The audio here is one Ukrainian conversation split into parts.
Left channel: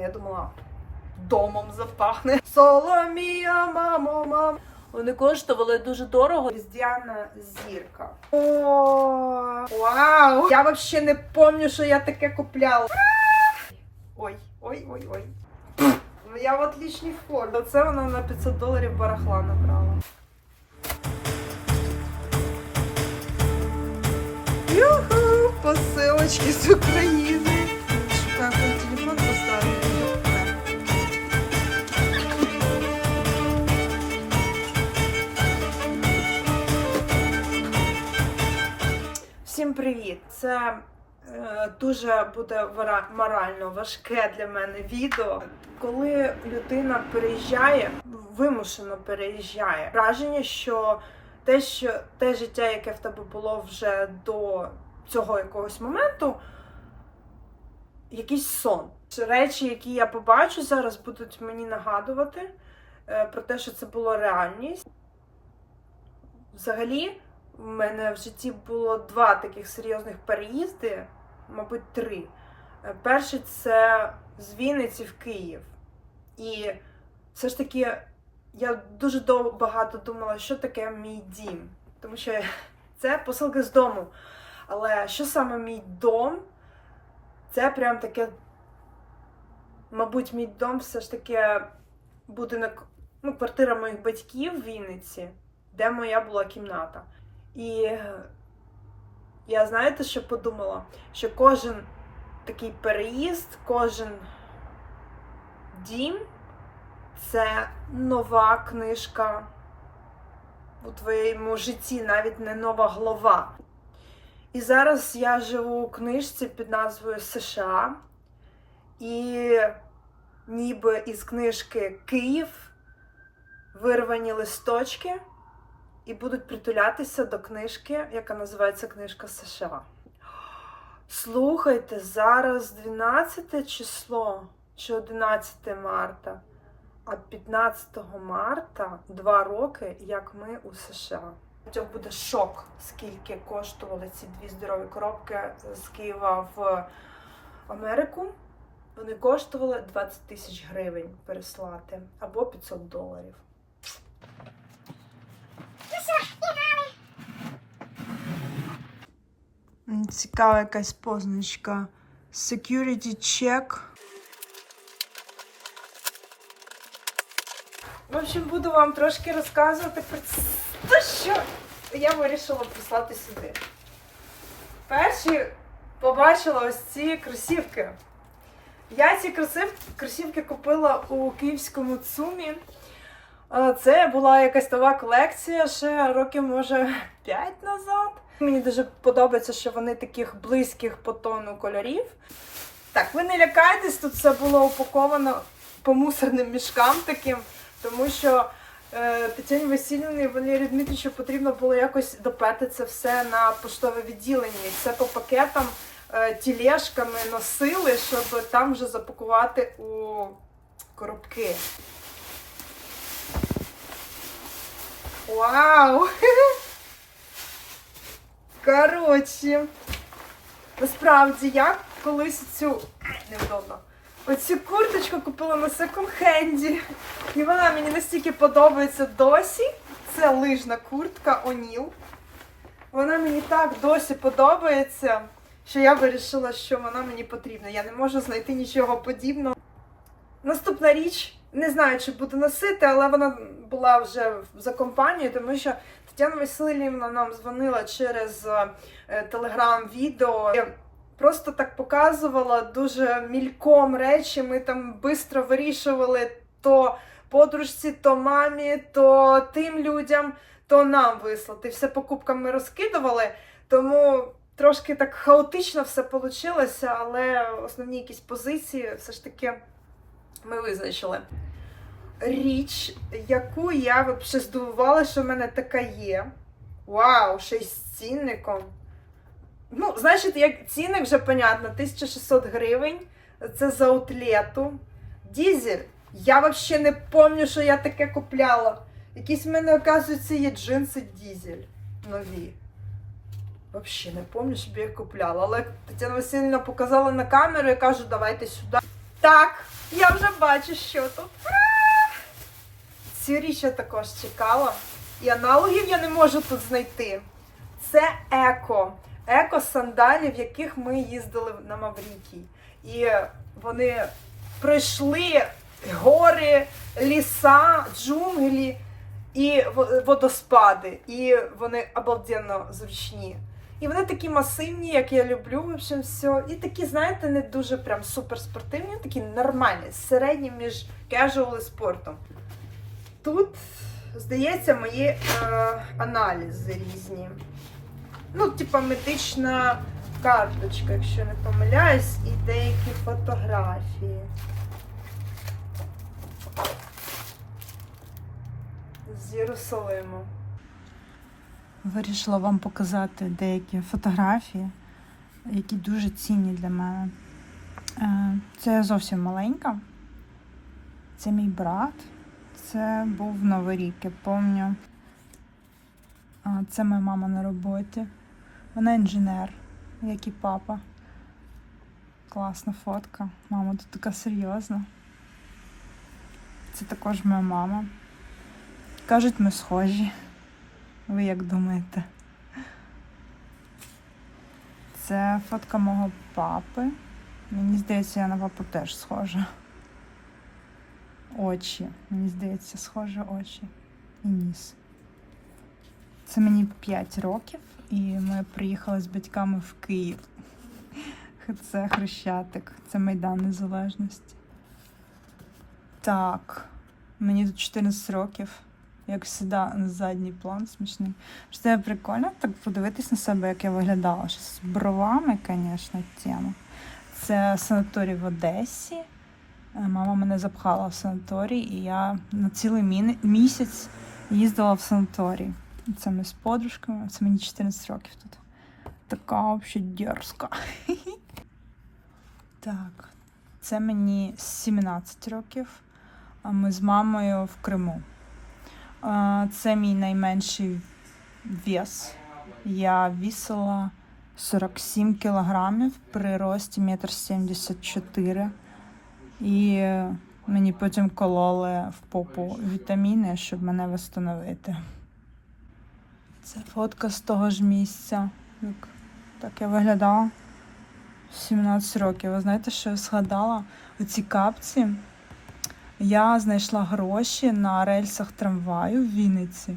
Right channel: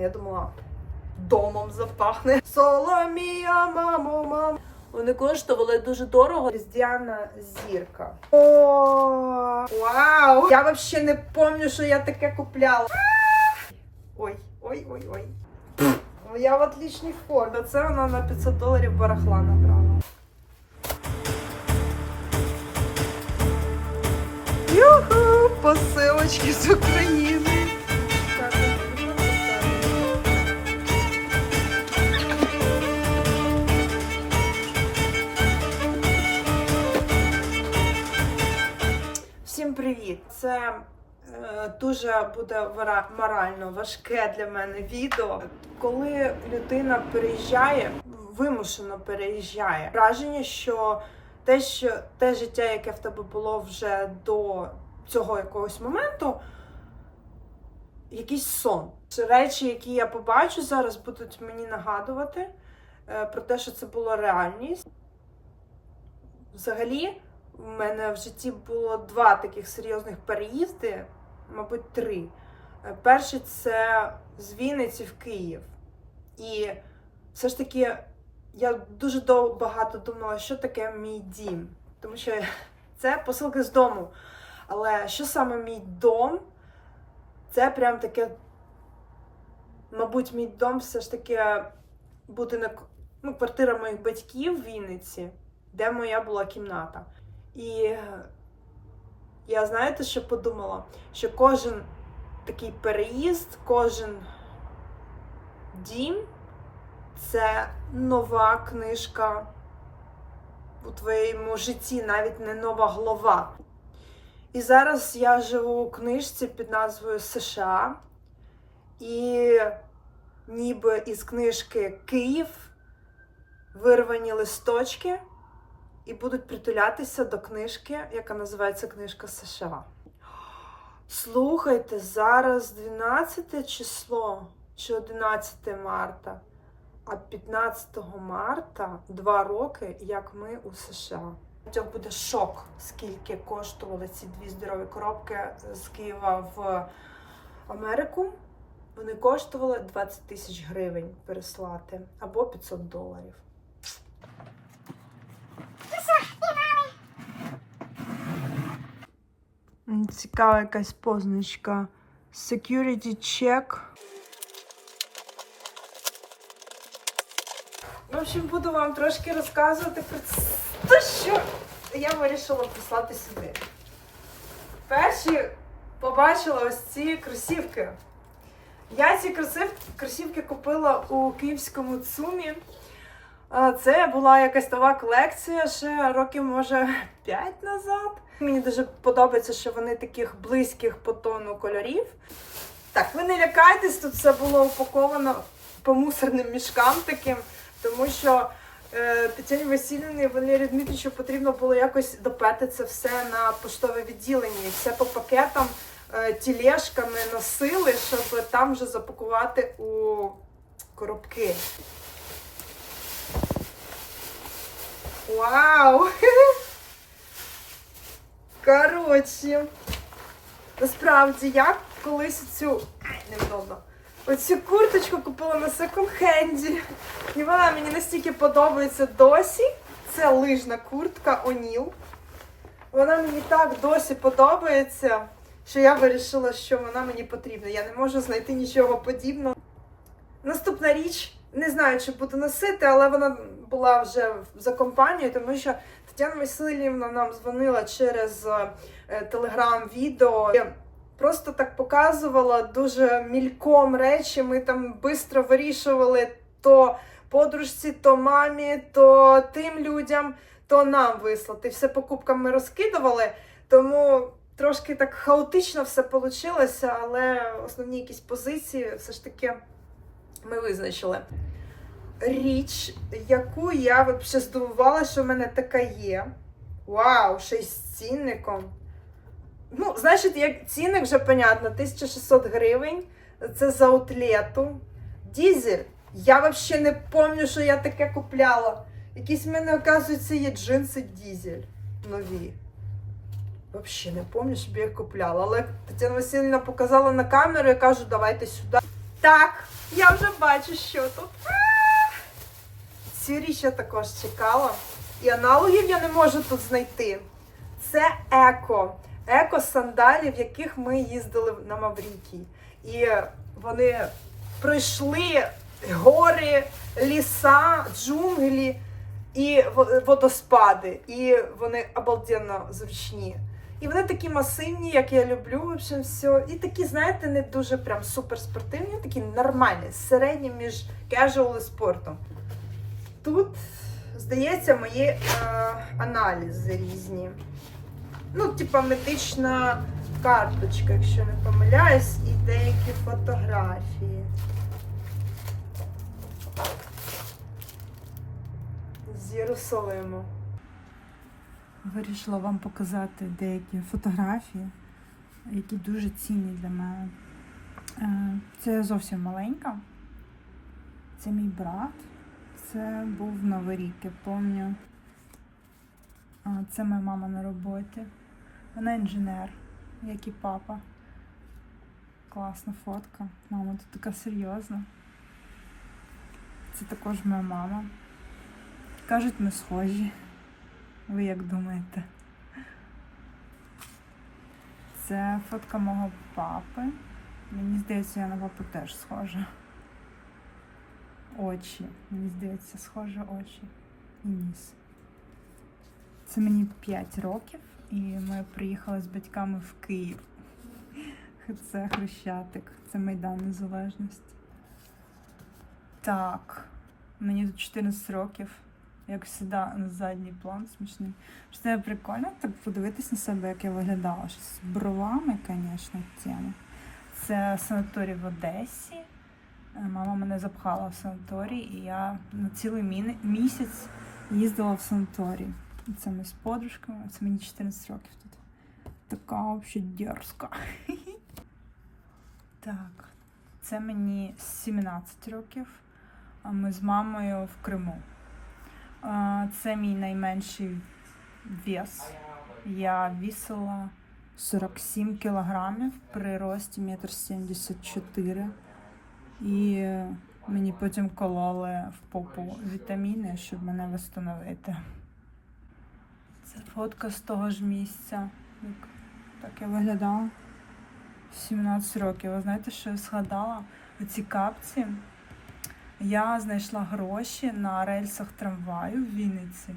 Я думала, домом запахне. Соломія, мамо, мам. Вони коштували дуже дорого. Різдвяна зірка. О, вау! Я взагалі не пам'ятаю, що я таке купляла. Ой, ой, ой, ой. Я в отличній формі. Це вона на 500 доларів барахла набрала. Юху! Посилочки з України. Всім привіт! Це е, дуже буде морально важке для мене відео. Коли людина переїжджає, вимушено переїжджає, враження, що те, що те життя, яке в тебе було вже до цього якогось моменту, якийсь сон. Речі, які я побачу зараз, будуть мені нагадувати е, про те, що це була реальність. Взагалі, в мене в житті було два таких серйозних переїзди, мабуть, три. Е, Перший це з Вінниці в Київ. І все ж таки я дуже дов- багато думала, що таке мій дім. Тому що це посилки з дому. Але що саме мій дом? Це прям таке, мабуть, мій дом все ж таки будинок, ну, квартира моїх батьків в Вінниці, де моя була кімната. І я знаєте, що подумала? Що кожен такий переїзд, кожен дім це нова книжка у твоєму житті, навіть не нова глава. І зараз я живу у книжці під назвою США. І ніби із книжки Київ вирвані листочки і будуть притулятися до книжки, яка називається Книжка США. Слухайте, зараз 12 число чи 11 марта, а 15 марта два роки, як ми у США. Це буде шок, скільки коштували ці дві здорові коробки з Києва в Америку. Вони коштували 20 тисяч гривень переслати або 500 доларів. Цікава якась позначка. Security check. В общем, буду вам трошки розказувати про те, що я вирішила прислати сюди. Перші побачила ось ці кросівки. Я ці кросів- кросівки купила у київському ЦУМі. Це була якась нова колекція ще років, може, 5 назад. Мені дуже подобається, що вони таких близьких по тону кольорів. Так, ви не лякайтесь, тут все було упаковано по мусорним мішкам таким, тому що е, Тетяні Васильівні і Валерію Дмитричу потрібно було якось доперти це все на поштове відділення. І все по пакетам е, тілешками носили, щоб там вже запакувати у коробки. Вау! Коротше, насправді я колись цю невдобно. Оцю курточку купила на секонд-хенді. І вона мені настільки подобається досі. Це лижна куртка Оніл. Вона мені так досі подобається, що я вирішила, що вона мені потрібна. Я не можу знайти нічого подібного. Наступна річ, не знаю, чи буду носити, але вона була вже за компанією, тому що Тетяна Васильівна нам дзвонила через телеграм-відео. Просто так показувала дуже мільком речі. Ми там швидко вирішували то подружці, то мамі, то тим людям, то нам вислати. Все покупками розкидували, тому трошки так хаотично все вийшло, але основні якісь позиції все ж таки ми визначили. Річ, яку я взагалі здивувала, що в мене така є. Вау, ще й з цінником. Ну, значить, як цінник вже понятно, 1600 гривень. Це за аутлету. Дізель. Я взагалі не пам'ятаю, що я таке купляла. Якісь в мене, оказується, є джинси дізель нові. Взагалі не пам'ятаю, щоб я їх купляла. Але Тетяна Васильівна показала на камеру і кажу, давайте сюди. Так, Я вже бачу, що тут. Цю річ я також чекала. І аналогів я не можу тут знайти. Це еко. Еко сандалі, в яких ми їздили на Маврикій. І вони пройшли гори, ліса, джунглі і водоспади. І вони обалденно зручні. І вони такі масивні, як я люблю, в общем, все. І такі, знаєте, не дуже прям суперспортивні, такі нормальні, середні між кежуал і спортом. Тут, здається, мої е, аналізи різні. Ну, типа медична карточка, якщо не помиляюсь, і деякі фотографії. З Єрусалиму. Вирішила вам показати деякі фотографії, які дуже цінні для мене. Е, Це я зовсім маленька. Це мій брат. Це був Новий рік, я пам'ятаю. Це моя мама на роботі. Вона інженер, як і папа. Класна фотка. Мама тут така серйозна. Це також моя мама. Кажуть, ми схожі. Ви як думаєте? Це фотка мого папи. Мені здається, я на папу теж схожа. Очі. Мені здається, схожі очі і ніс. Це мені 5 років, і ми приїхали з батьками в Київ. Це Хрещатик, це Майдан Незалежності. Так, мені тут 14 років як завжди, задній план смішний. Це прикольно так подивитись на себе, як я виглядала. Що з бровами, звісно, тема. Це санаторій в Одесі. Е, Мама мене запхала в санаторій, і я на цілий місяць їздила в санаторій. Це ми з подружками, це мені 14 років тут. Така взагалі дерзка. Так, це мені 17 років, а ми з мамою в Криму. Це мій найменший вес. Я вісила 47 кілограмів при рості 1,74 м. І мені потім кололи в попу вітаміни, щоб мене встановити. Це фотка з того ж місця. Як так я виглядала 17 років. Ви знаєте, що я згадала? Оці капці. Я знайшла гроші на рельсах трамваю в Вінниці,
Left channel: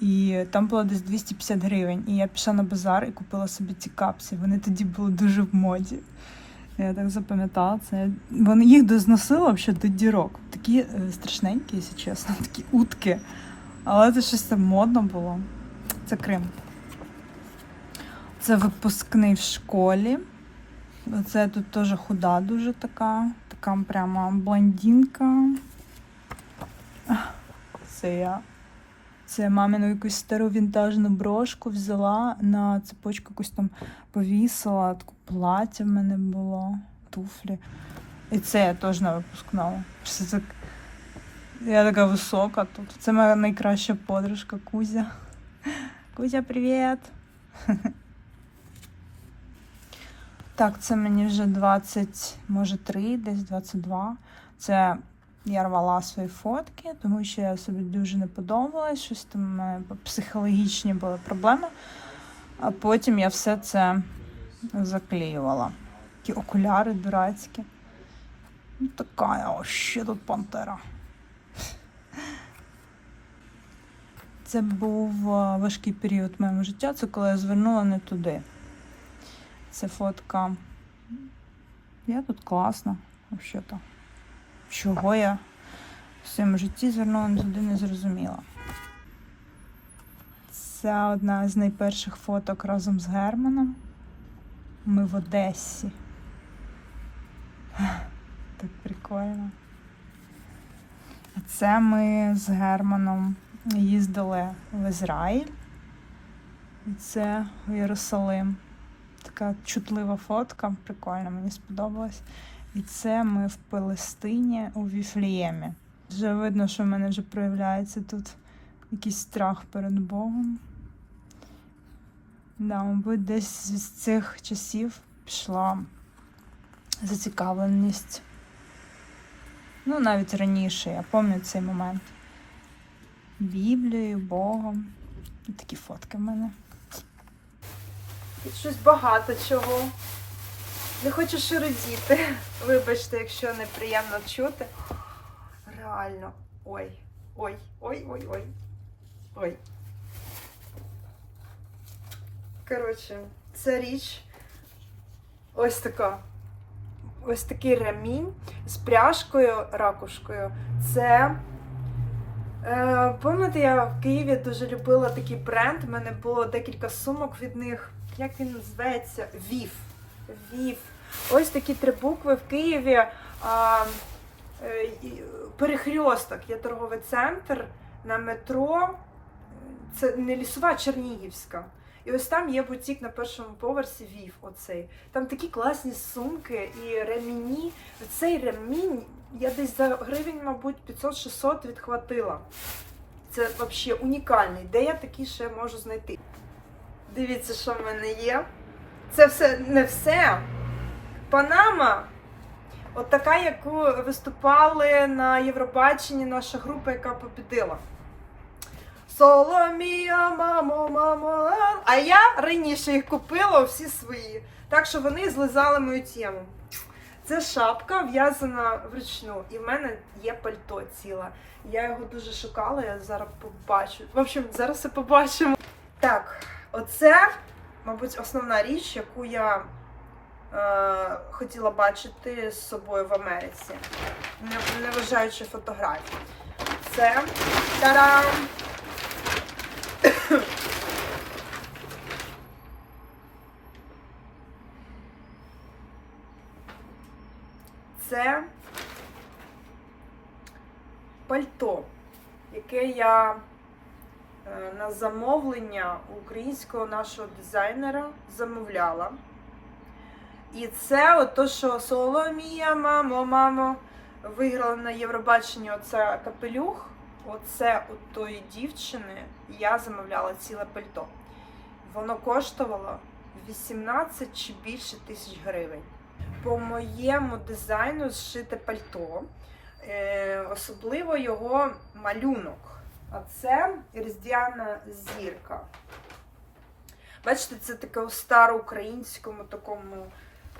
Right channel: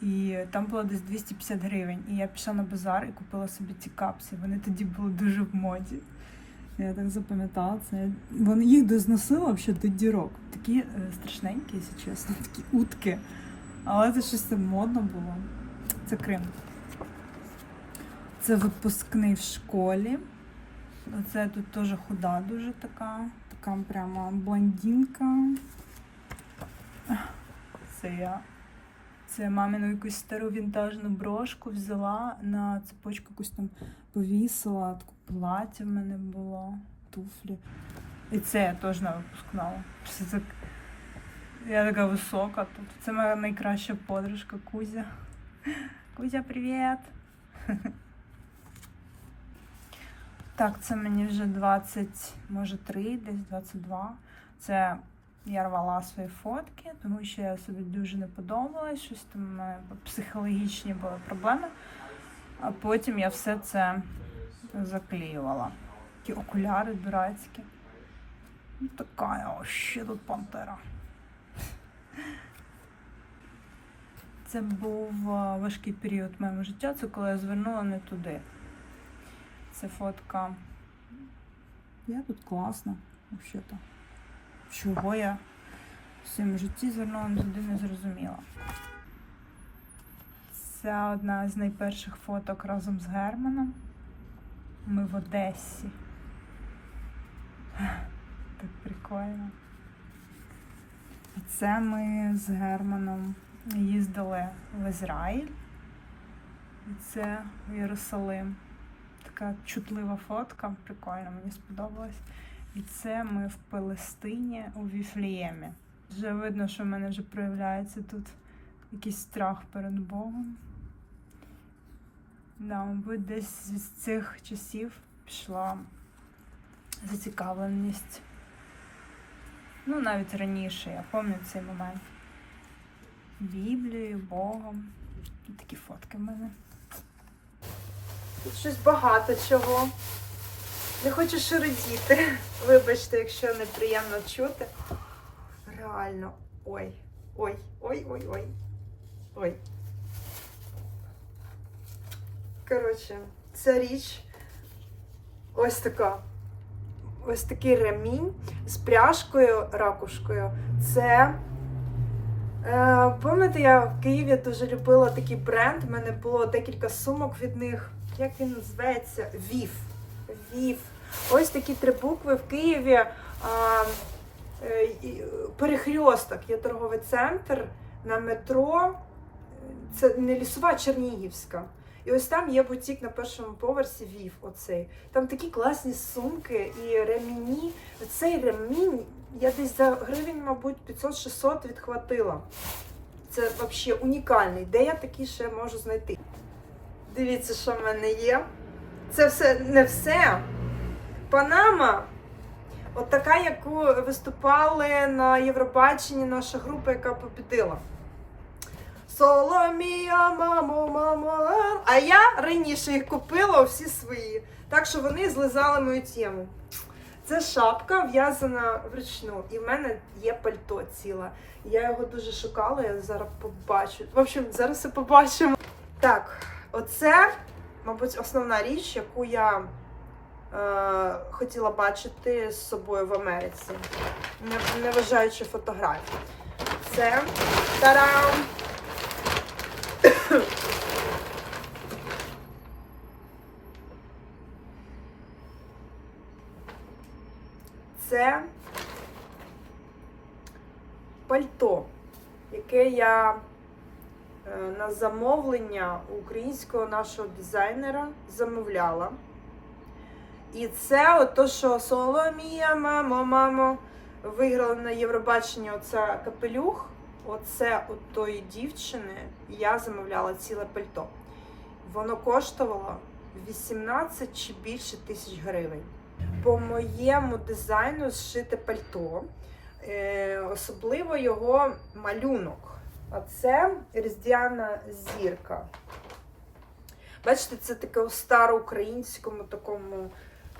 і там було десь 250 гривень. І я пішла на базар і купила собі ці капці. Вони тоді були дуже в моді. Я так запам'ятала це. Вони їх дозносила взагалі до дірок. Такі е, страшненькі, якщо чесно, такі утки. Але це щось там модно було. Це Крим. Це випускний в школі. Це тут теж худа дуже така. Така прямо блондинка. Це я. Це мамину якусь стару вінтажну брошку взяла на цепочку якусь там повісила, таке плаття в мене було, туфлі. І це я теж на випускному. Це. Я така висока тут. Це моя найкраща подружка Кузя. Кузя, привіт! Так, це мені вже 20, може 3, десь 22. Це я рвала свої фотки, тому що я собі дуже не подобалась, щось там психологічні були проблеми. А потім я все це заклеювала. Такі окуляри дурацькі. Ну, така, о, ще тут пантера. Це був важкий період моєму життя, це коли я звернула не туди. Це фотка. Я тут класна, взагалі-то. Чого я в своєму житті звернула туди не зрозуміла. Це одна з найперших фоток разом з Германом. Ми в Одесі. Так прикольно. А це ми з Германом їздили в Ізраїль. І це в Єрусалим. Така чутлива фотка, прикольно, мені сподобалось. І це ми в Палестині у Віфліємі. Вже видно, що в мене вже проявляється тут якийсь страх перед Богом. Да, мабуть, десь з цих часів пішла зацікавленість Ну, навіть раніше, я пам'ятаю цей момент. Біблією, Богом. Такі фотки в мене. Тут щось багато чого. Не хочу шуридіти. Вибачте, якщо неприємно чути. Реально. Ой. Ой, ой, ой, ой. Ой. Коротше, ця річ ось така. Ось такий ремінь з пряжкою, ракушкою. Це. Е, пам'ятаєте, я в Києві дуже любила такий бренд. У мене було декілька сумок від них. Як він називається? Вів. Вів. Ось такі три букви в Києві. А, е, перехрьосток є торговий центр на метро. Це не лісова, а Чернігівська. І ось там є бутік на першому поверсі Вів. Оцей. Там такі класні сумки і ремені. Цей ремінь я десь за гривень, мабуть, 500-600 відхватила. Це взагалі унікальний. Де я такий ще можу знайти? Дивіться, що в мене є. Це все не все. Панама. От така, яку виступали на Євробаченні наша група, яка побідила. Соломія, мамо, мамо. А я раніше їх купила всі свої. Так що вони злизали мою тему. Це шапка в'язана вручну, і в мене є пальто ціле. Я його дуже шукала, я зараз побачу. В общем, зараз все побачимо. Так, оце, мабуть, основна річ, яку я е, хотіла бачити з собою в Америці, не, не вважаючи фотографій. Це тарам! Це пальто, яке я е, на замовлення українського нашого дизайнера замовляла. І це ото, що Соломія, мамо, мамо, виграла на Євробаченні оце капелюх. Оце от тої дівчини я замовляла ціле пальто. Воно коштувало 18 чи більше тисяч гривень. По моєму дизайну зшите пальто, особливо його малюнок. А це різдвяна зірка. Бачите, це таке у староукраїнському такому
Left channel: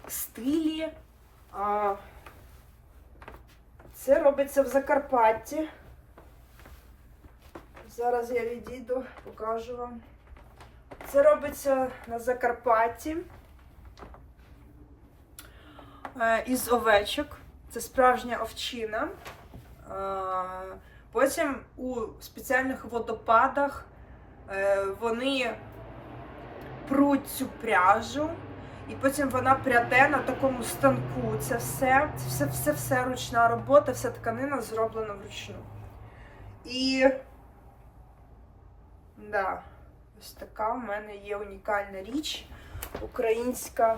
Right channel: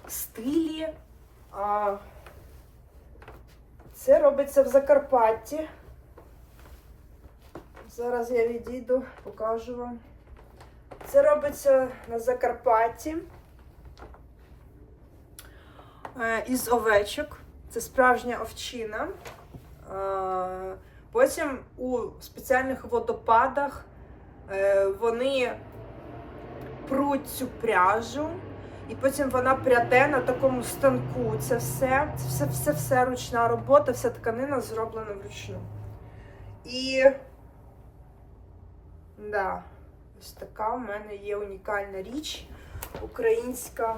стилі. Це робиться в Закарпатті. Зараз я відійду, покажу вам. Це робиться на Закарпатті е, із овечок. Це справжня овчина. Е, Потім у спеціальних водопадах е, вони пруть цю пряжу, і потім вона пряде на такому станку. Це все, це все, все, все ручна робота, вся тканина зроблена вручну. І да, ось така в мене є унікальна річ українська.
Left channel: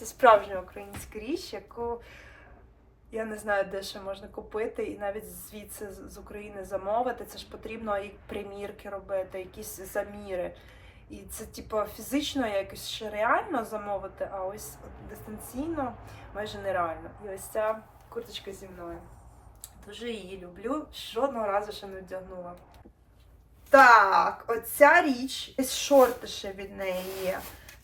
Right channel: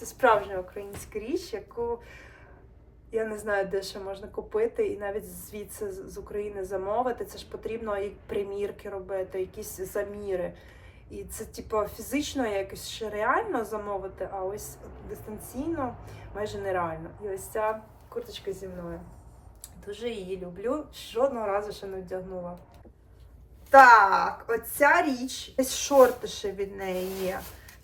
Це справжня українська річ, яку я не знаю, де ще можна купити, і навіть звідси з України замовити. Це ж потрібно і примірки робити, якісь заміри. І це, типу, фізично якось ще реально замовити, а ось дистанційно майже нереально. І ось ця курточка зі мною. Дуже її люблю. Жодного разу ще не вдягнула. Так, оця річ, шорти ще від неї є.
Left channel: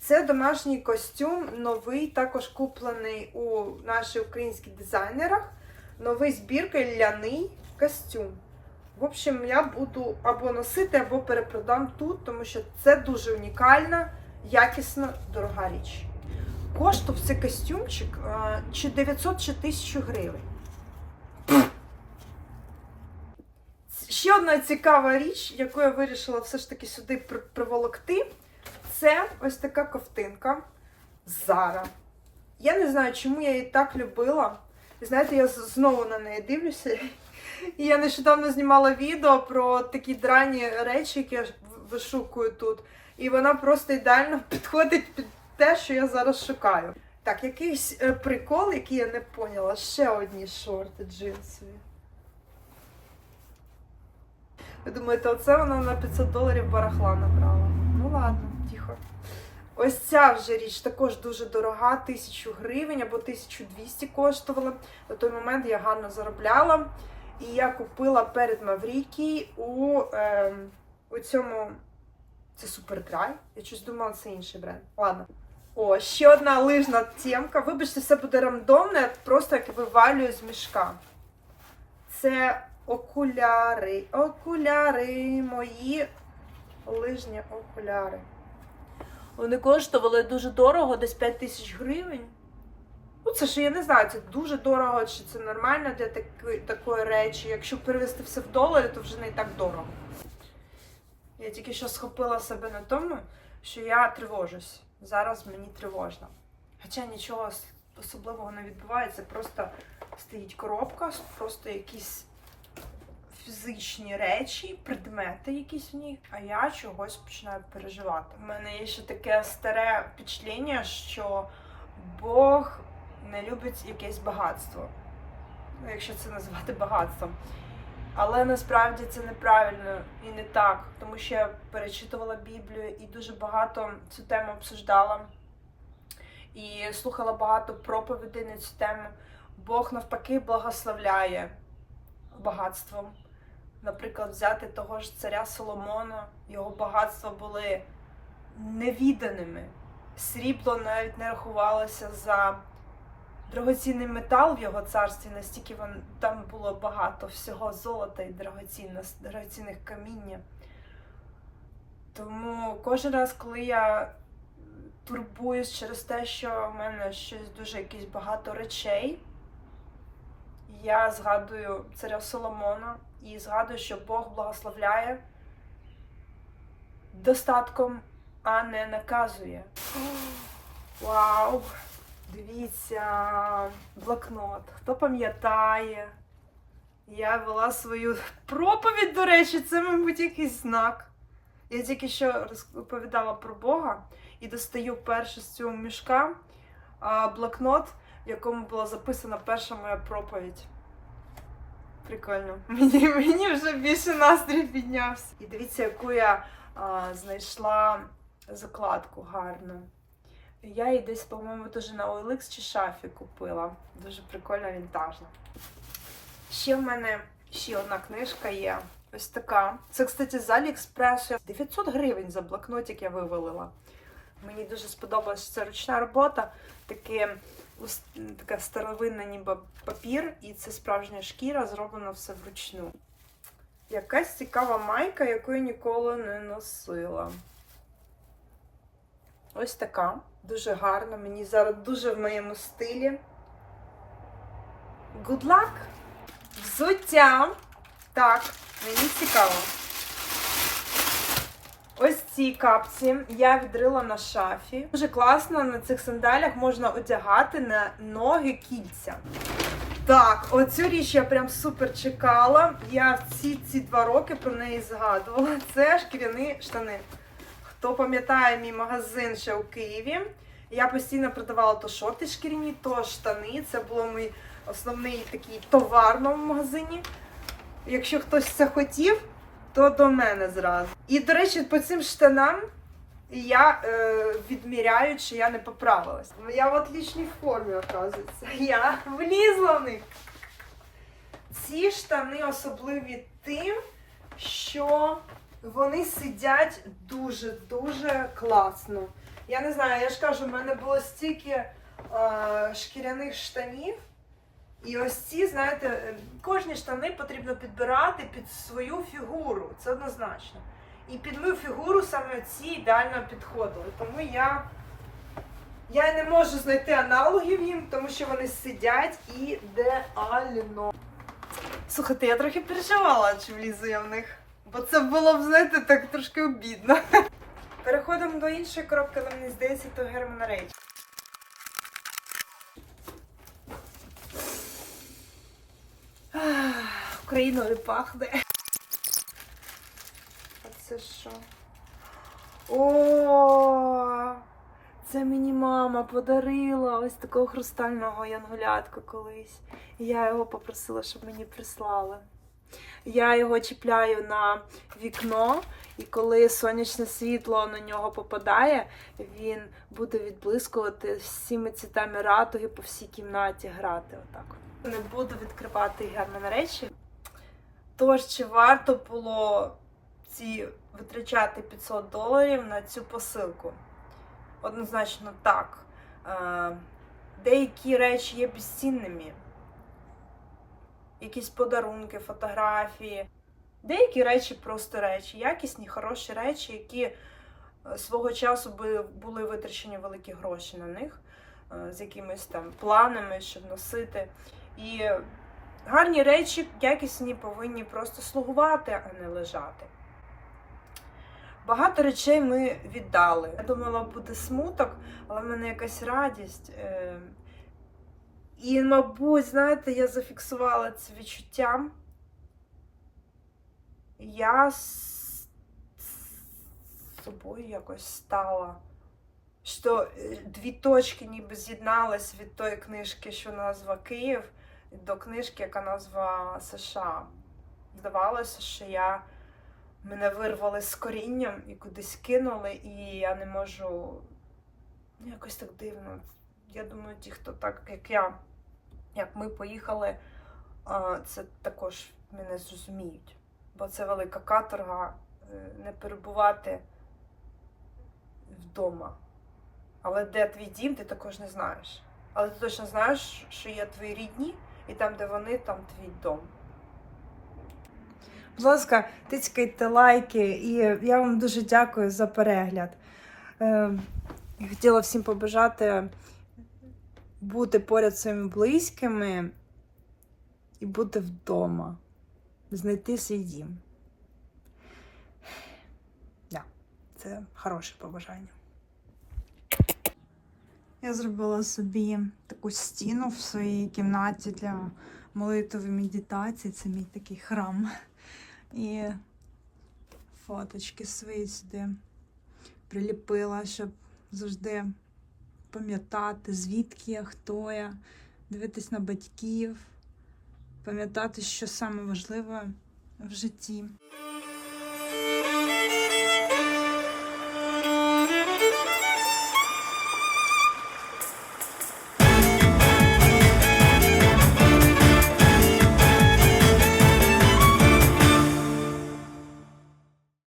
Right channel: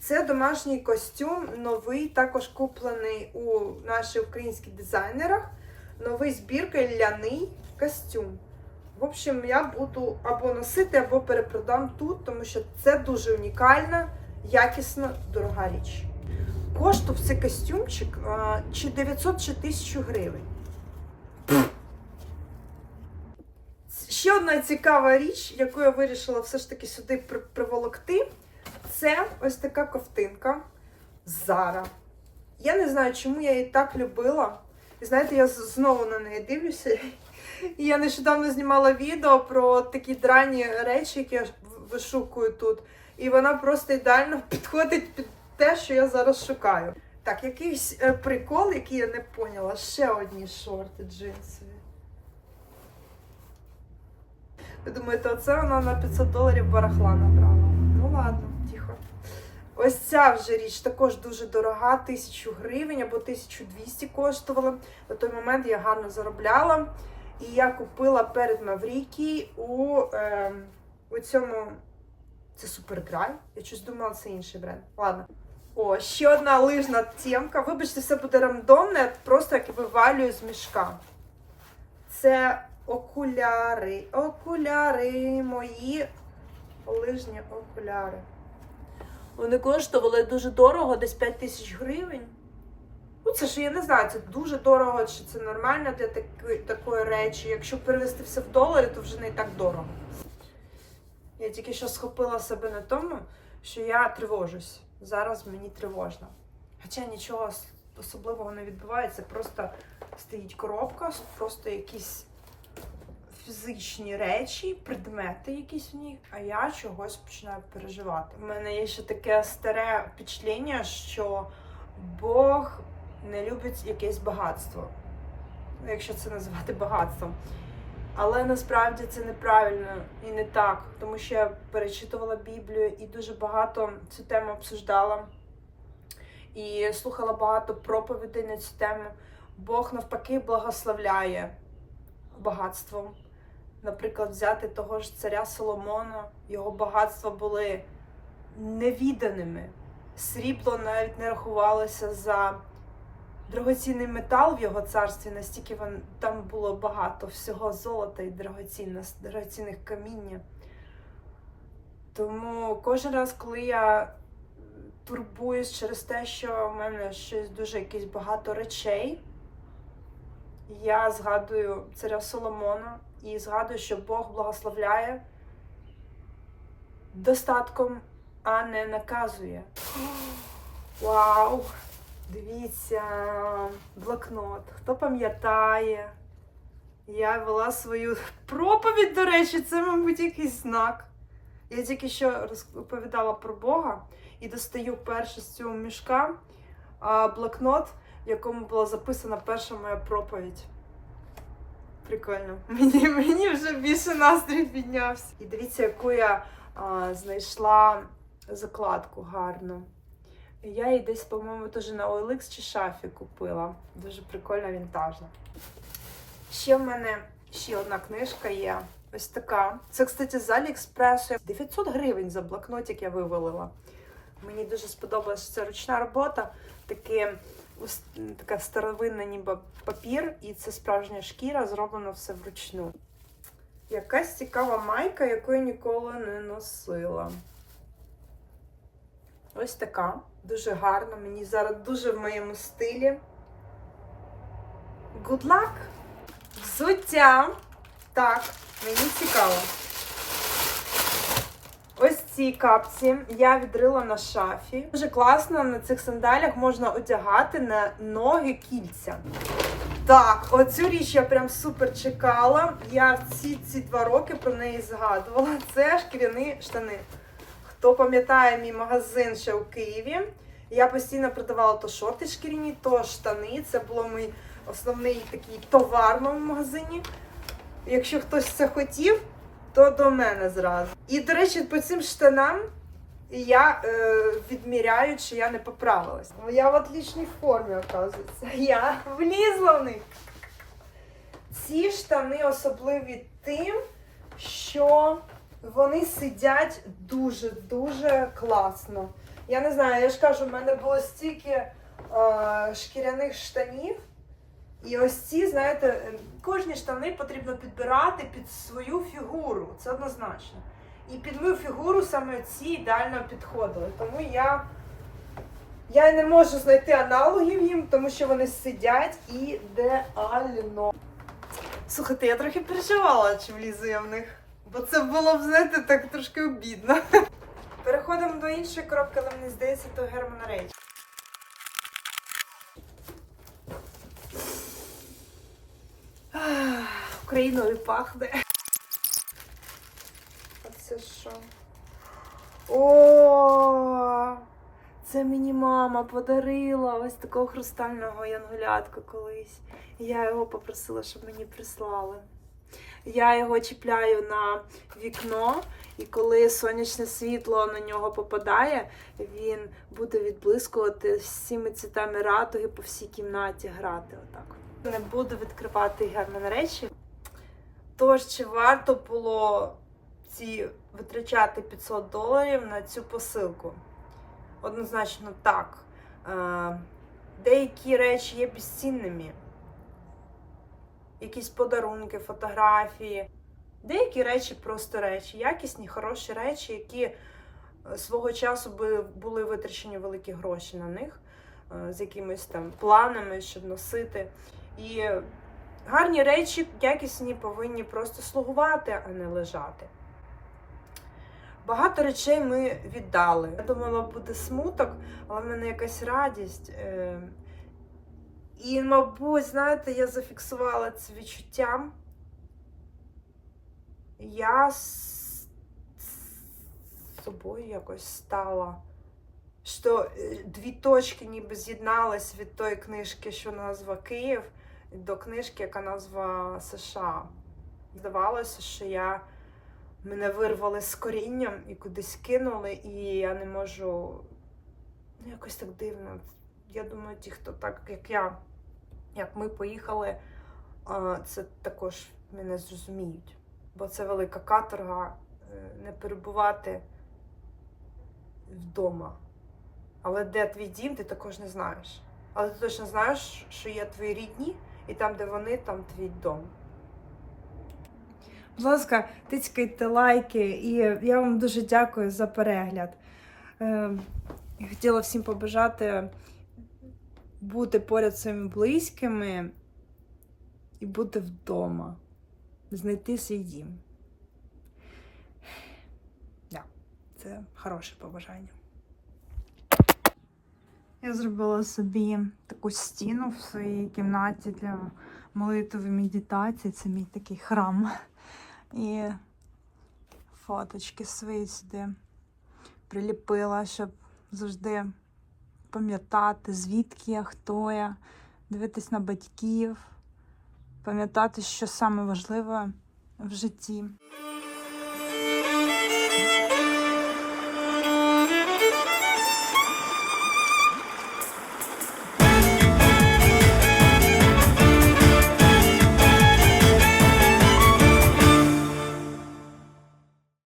Це домашній костюм, новий, також куплений у наших українських дизайнерах. Новий збірка ляний костюм. В общем, я буду або носити, або перепродам тут, тому що це дуже унікальна, якісна, дорога річ. Коштував цей костюмчик чи 900, чи 1000 гривень. Ще одна цікава річ, яку я вирішила все ж таки сюди приволокти, це ось така ковтинка Зара. Я не знаю, чому я її так любила. І знаєте, я знову на неї дивлюся. І я нещодавно знімала відео про такі драні речі, які я вишукую тут. І вона просто ідеально підходить під те, що я зараз шукаю. Так, якийсь е, прикол, який я не поняла. Ще одні шорти джинсові. Ви думаєте, оце вона на 500 доларів барахла набрала? Ну ладно, тихо. Ось ця вже річ також дуже дорога, 1000 гривень або 1200 коштувала. На той момент я гарно заробляла. І я купила перед Маврікій у, е, у цьому. Це Супердрай. Я щось думала, це інший бренд. Ладно. О, ще одна лижна темка. Вибачте, все буде рандомне, просто як вивалюю з мішка. Це окуляри. Окуляри, мої лижні окуляри. Вони коштували дуже дорого, десь 5 тисяч гривень. Ну, це ж я не знаю, це дуже дорого, чи це нормально для таки, такої речі. Якщо перевести все в долари, то вже не так дорого. Я тільки що схопила себе на тому, що я тривожусь. Зараз мені тривожно. Хоча нічого особливого не відбувається, просто стоїть коробка, просто якісь фізичні речі, предмети якісь в ній, а я чогось починаю переживати. У мене є ще таке старе впечатлення, що Бог не любить якесь багатство. Якщо це називати багатством. Але насправді це неправильно і не так, тому що я перечитувала Біблію і дуже багато цю тему обсуждала. І слухала багато проповідей на цю тему. Бог навпаки благословляє багатством. Наприклад, взяти того ж царя Соломона, його багатства були невіданими. Срібло навіть не рахувалося за дорогоцінний метал в його царстві, настільки там було багато всього золота і дорогоцінних каміння. Тому кожен раз, коли я турбуюсь через те, що в мене щось дуже якесь багато речей, я згадую царя Соломона і згадую, що Бог благословляє достатком, а не наказує. Вау! Дивіться, блокнот. Хто пам'ятає? Я вела свою проповідь, до речі, це, мабуть, якийсь знак. Я тільки що розповідала про Бога і достаю перше з цього мішка блокнот, в якому була записана перша моя проповідь. Прикольно. Мені, мені вже більше настрій піднявся. І дивіться, яку я а, знайшла закладку гарну. Я її десь, по-моєму, теж на OLX чи шафі купила. Дуже прикольна, вінтажна. Ще в мене ще одна книжка є. Ось така. Це, кстати, з Аліекспресу. 900 гривень за блокнотик я вивалила. Мені дуже сподобалася ця ручна робота. Таке, така старовинна ніби папір, і це справжня шкіра, зроблено все вручну. Якась цікава майка, яку я ніколи не носила. Ось така. Дуже гарна. Мені зараз дуже в моєму стилі. Good luck! Взуття. Так, мені цікаво. Ось ці капці я відрила на шафі. Дуже класно на цих сандалях можна одягати на ноги кільця. Так, оцю річ я прям супер чекала. Я всі ці два роки про неї згадувала. Це шкіряні штани. Хто пам'ятає мій магазин ще у Києві, я постійно продавала то шорти шкіряні, то штани. Це було мій основний такий товар в моєму магазині. Якщо хтось це хотів, то до мене зразу. І, до речі, по цим штанам я е, відміряю, чи я не поправилась. Я в отличній формі, оказується. Я влізла в них. Ці штани особливі тим, що вони сидять дуже-дуже класно. Я не знаю, я ж кажу, в мене було стільки е, шкіряних штанів. І ось ці, знаєте, е, кожні штани потрібно підбирати під свою фігуру. Це однозначно. І під мою фігуру саме ці ідеально підходили. Тому я, я не можу знайти аналогів їм, тому що вони сидять ідеально. Слухайте, я трохи переживала, чи влізу я в них. Бо це було б, знаєте, так трошки обідно. Переходимо до іншої коробки, але мені здається, то Герман Рейч. Україною пахне. Це що? О, це мені мама подарила ось такого хрустального янголятка колись. І я його попросила, щоб мені прислали. Я його чіпляю на вікно, і коли сонячне світло на нього попадає, він буде відблискувати всіми цвітами радуги по всій кімнаті грати. Отак. Не буду відкривати герман речі. Тож, чи варто було ці витрачати 500 доларів на цю посилку? Однозначно так. Е, Деякі речі є безцінними. Якісь подарунки, фотографії. Деякі речі просто речі, якісні, хороші речі, які е, свого часу були витрачені великі гроші на них, е, з якимись там планами, щоб носити. І гарні речі, якісні, повинні просто слугувати, а не лежати. Багато речей ми віддали. Я думала, буде смуток, але в мене якась радість. Е, І, мабуть, знаєте, я зафіксувала це відчуттям. Я собою якось стала. Що е, дві точки ніби з'єднались від тої книжки, що назва Київ, до книжки, яка назва США. Здавалося, що я мене вирвали з корінням і кудись кинули, і я не можу. Ну, якось так дивно. Я думаю, ті, хто так, як я, як ми поїхали, це також мене зрозуміють. Бо це велика каторга е, не перебувати вдома. Але де твій дім, ти також не знаєш. Але ти точно знаєш, що є твої рідні, і там, де вони, там твій дом. Будь ласка, тицькайте лайки, і я вам дуже дякую за перегляд. Е, хотіла всім побажати бути поряд своїми близькими і бути вдома, знайти свій дім. Да, це хороше побажання. Я зробила собі таку стіну в своїй кімнаті для молитви медитації. Це мій такий храм. І фоточки свої сюди приліпила, щоб завжди пам'ятати, звідки я, хто я, дивитись на батьків, пам'ятати, що саме важливе в житті.